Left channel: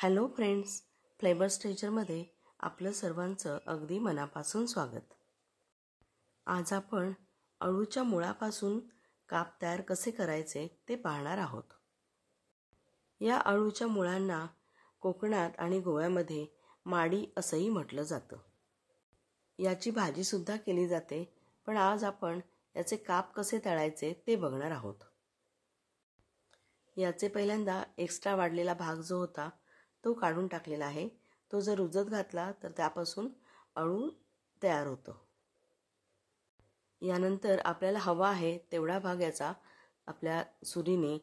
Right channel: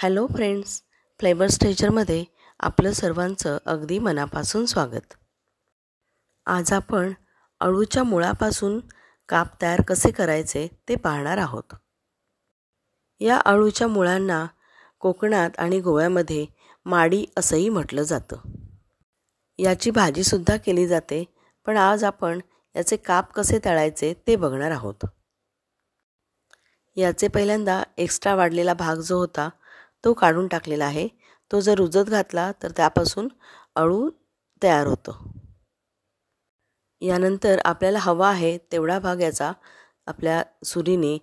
Hello friends, flavour स्ट्रेचरमध्ये आपलं सर्वांचं अगदी मनापासून स्वागत. आज आपण अळूच्या मुळापासून काप तयार कसे करायचे ते पाहणार आहोत. या अळूच्या मुळांना कोकणात आणि गोव्यामध्ये माडी असंही म्हटलं जातं. याची भाजीसुद्धा केली जाते, पण आज आपण याचे काप कसे तळायचे ते बघणार आहोत. याचे पहिल्यांदा एक्स्ट्रा वाढलेला भाग जो होता तो काढून टाकलेला आहे. तो जर रुजत घातला तर त्यापासून अळू तयार होतो. यानंतर आपल्याला हवा आहे तेवढा भाग याचा आपल्या सुरीने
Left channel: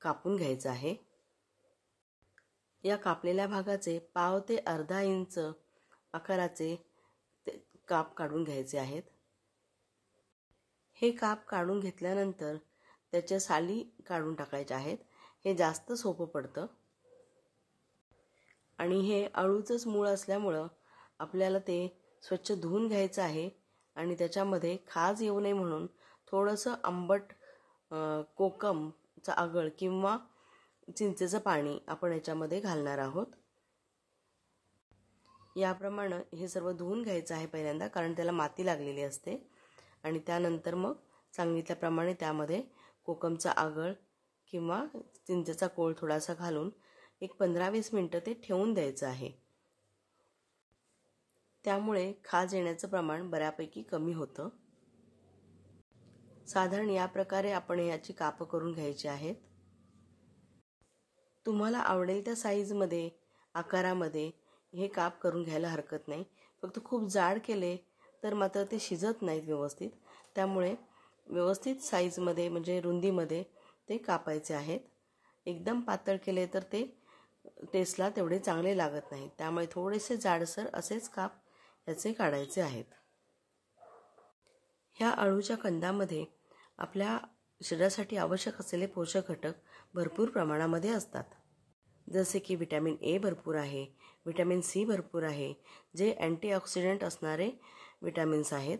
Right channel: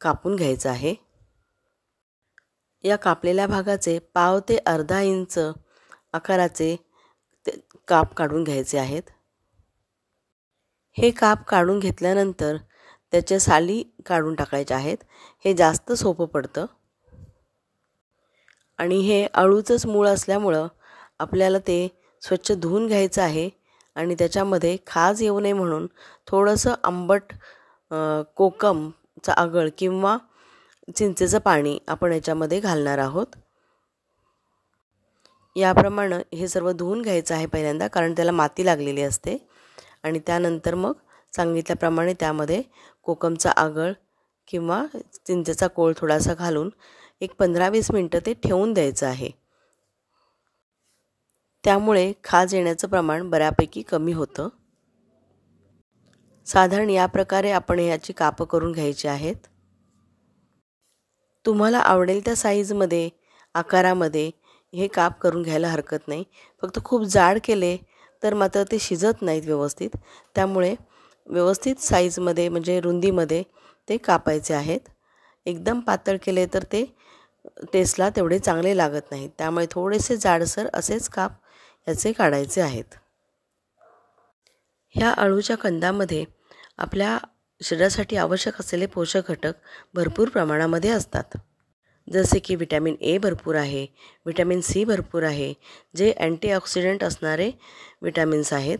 कापून घ्यायचा आहे. या कापलेल्या भागाचे पाव ते अर्धा इंच आकाराचे काप काढून घ्यायचे आहेत. हे काप काढून घेतल्यानंतर त्याच्या साली काढून टाकायच्या आहेत. हे जास्त सोपं पडतं आणि हे अळूचंच मूळ असल्यामुळं आपल्याला ते स्वच्छ धुवून घ्यायचं आहे आणि त्याच्यामध्ये खाज येऊ नये म्हणून थोडंसं आंबट कोकमचा आगळ किंवा चिंचेचं पाणी आपण याच्यामध्ये घालणार आहोत. याप्रमाणे हे सर्व धुवून घ्यायचं आहे पहिल्यांदा, कारण त्याला माती लागलेली असते. आणि त्यानंतर मग सांगितल्याप्रमाणे त्यामध्ये कोकमचा आगळ किंवा चिंचेचा कोळ थोडासा घालून एक 15-20 मिनटं ते ठेवून द्यायचं आहे. त्यामुळे खाज येण्याचं प्रमाण बऱ्यापैकी कमी होतं. साधारण या प्रकारे आपण याची कापं करून घ्यायची आहेत. तुम्हाला आवडेल त्या साईजमध्ये आकारामध्ये हे काप करून घ्यायला हरकत नाही. फक्त खूप जाड केले तर मात्र ते शिजत नाहीत व्यवस्थित. त्यामुळे व्यवस्थित साईजमध्ये म्हणजे रुंदीमध्ये ते कापायचे आहेत. एकदम पातळ केले तर ते टेस्टला तेवढे चांगले लागत नाहीत. त्यामुळे थोडेसे जाडसर असेच काप याचे काढायचे आहेत. ह्या अळूच्या कंदामध्ये आपल्या शरीरासाठी आवश्यक असलेले पोषक घटक भरपूर प्रमाणामध्ये असतात. जसे की विटॅमिन ए भरपूर आहे, विटॅमिन सी भरपूर आहे, जे अँटीऑक्सिडंट असणारे विटॅमिन्स आहेत.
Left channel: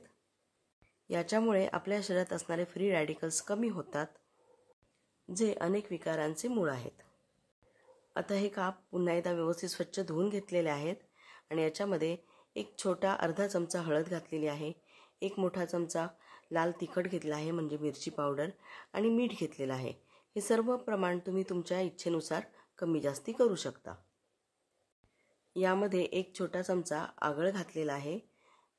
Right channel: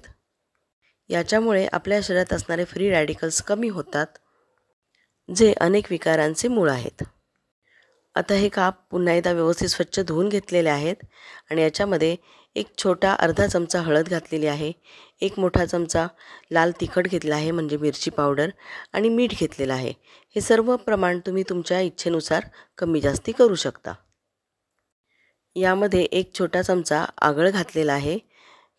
याच्यामुळे आपल्या शरीरात असणारे फ्री रॅडिकल्स कमी होतात, जे अनेक विकारांचे मूळ आहेत. आता हे काप पुन्हा एकदा व्यवस्थित स्वच्छ धुवून घेतलेले आहेत आणि याच्यामध्ये एक छोटा अर्धा चमचा हळद घातलेली आहे, एक मोठा चमचा लाल तिखट घेतला आहे म्हणजे मिरची पावडर, आणि मीठ घेतलेलं आहे. हे सर्व प्रमाण तुम्ही तुमच्या इच्छेनुसार कमी जास्ती करू शकता. यामध्ये एक छोटा चमचा आगळ घातलेला आहे,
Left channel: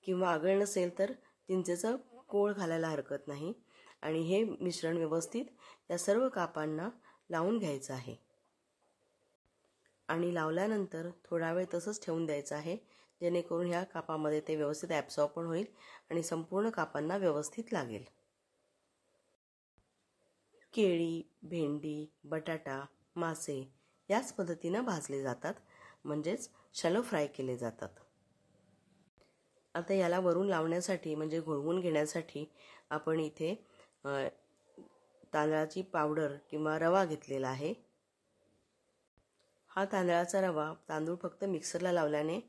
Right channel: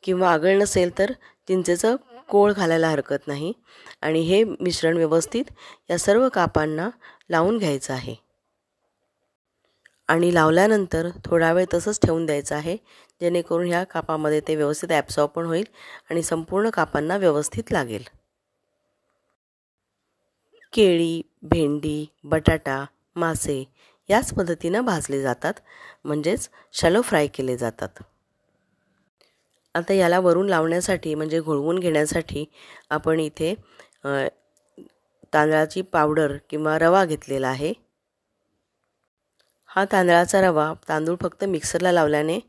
किंवा आगळ नसेल तर चिंचेचं कोळ घालायला हरकत नाही. आणि हे मिश्रण व्यवस्थित या सर्व कापांना लावून घ्यायचं आहे आणि लावल्यानंतर थोडा वेळ तसंच ठेवून द्यायचं आहे, जेणेकरून ह्या कापामध्ये ते व्यवस्थित ॲब्सॉर्ब पण होईल आणि संपूर्ण कापांना व्यवस्थित लागेल. केळी, भेंडी, बटाटा, मासे याच पद्धतीनं भाजले जातात, म्हणजेच शॅलो फ्राय केले जातात. आता याला वरून लावण्यासाठी म्हणजे घोळवून घेण्यासाठी आपण इथे तांदळाची पावडर किंवा रवा घेतलेला आहे. हा तांदळाचा रवा तांदूळ फक्त मिक्सरला लावल्याने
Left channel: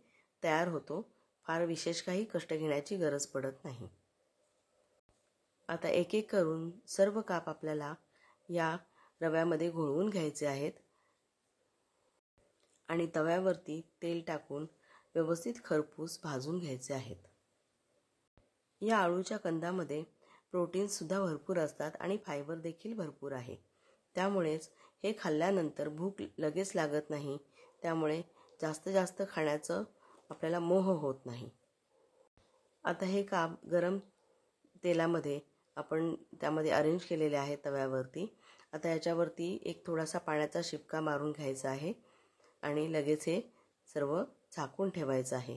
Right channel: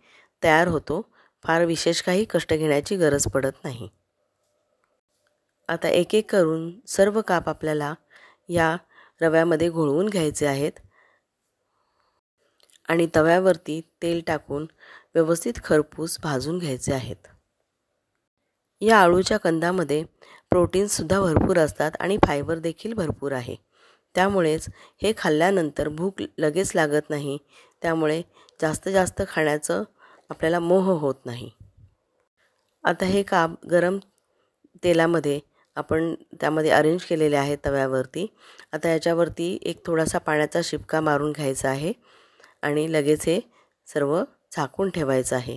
तयार होतो. फार विशेष काही कष्ट घेण्याची गरज पडत नाही. आता एक एक करून सर्व काप आपल्याला या रव्यामध्ये घोळवून घ्यायचे आहेत आणि तव्यावरती तेल टाकून व्यवस्थित खरपूस भाजून घ्यायचे आहेत. या अळूच्या कंदामध्ये प्रोटीन्ससुद्धा भरपूर असतात आणि फायबर देखील भरपूर आहे. त्यामुळेच हे खाल्ल्यानंतर भूक लगेच लागत नाही. त्यामुळे जास्त खाण्याचं आपल्याला मोह होत नाही. आता हे काप गरम तेलामध्ये आपण त्यामध्ये अरेंज केलेले आहे तव्यावरती. आता याच्यावरती एक थोडासा पाण्याचा शिपका मारून घ्यायचा आहे आणि लगेच हे सर्व झाकून ठेवायचं आहे.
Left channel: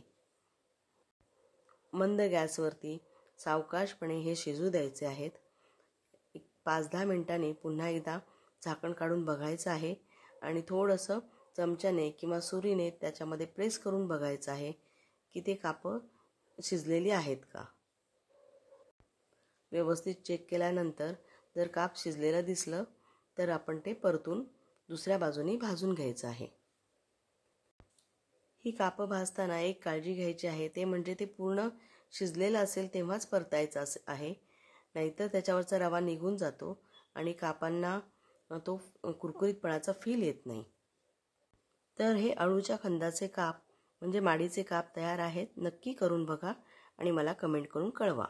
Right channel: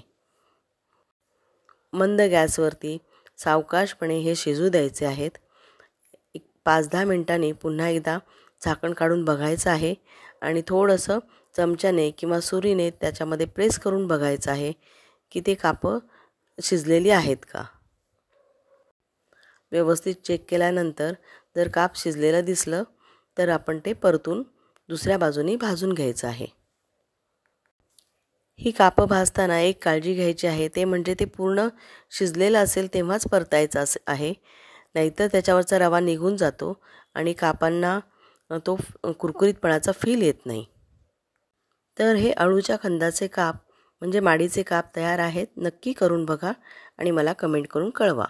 मंद गॅसवरती सावकाशपणे हे शिजू द्यायचे आहेत. 5-10 मिनिटांनी पुन्हा एकदा झाकण काढून बघायचं आहे आणि थोडंसं चमच्याने किंवा सुरीने त्याच्यामध्ये प्रेस करून बघायचं आहे की ते कापं शिजलेली आहेत का. व्यवस्थित चेक केल्यानंतर जर काप शिजलेलं दिसलं तर आपण ते परतून दुसऱ्या बाजूने भाजून घ्यायचं आहे. ही कापं भाजताना एक काळजी घ्यायची आहे, ते म्हणजे ते पूर्ण शिजलेलं असेल तेव्हाच परतायचं आहे, नाहीतर त्याच्यावरचा रवा निघून जातो आणि कापांना तो कुरकुरीतपणाचा फील येत नाही. तर हे अळूच्या खंदाचे काप म्हणजे माडीचे काप तयार आहेत. नक्की करून बघा आणि मला कमेंट करून कळवा.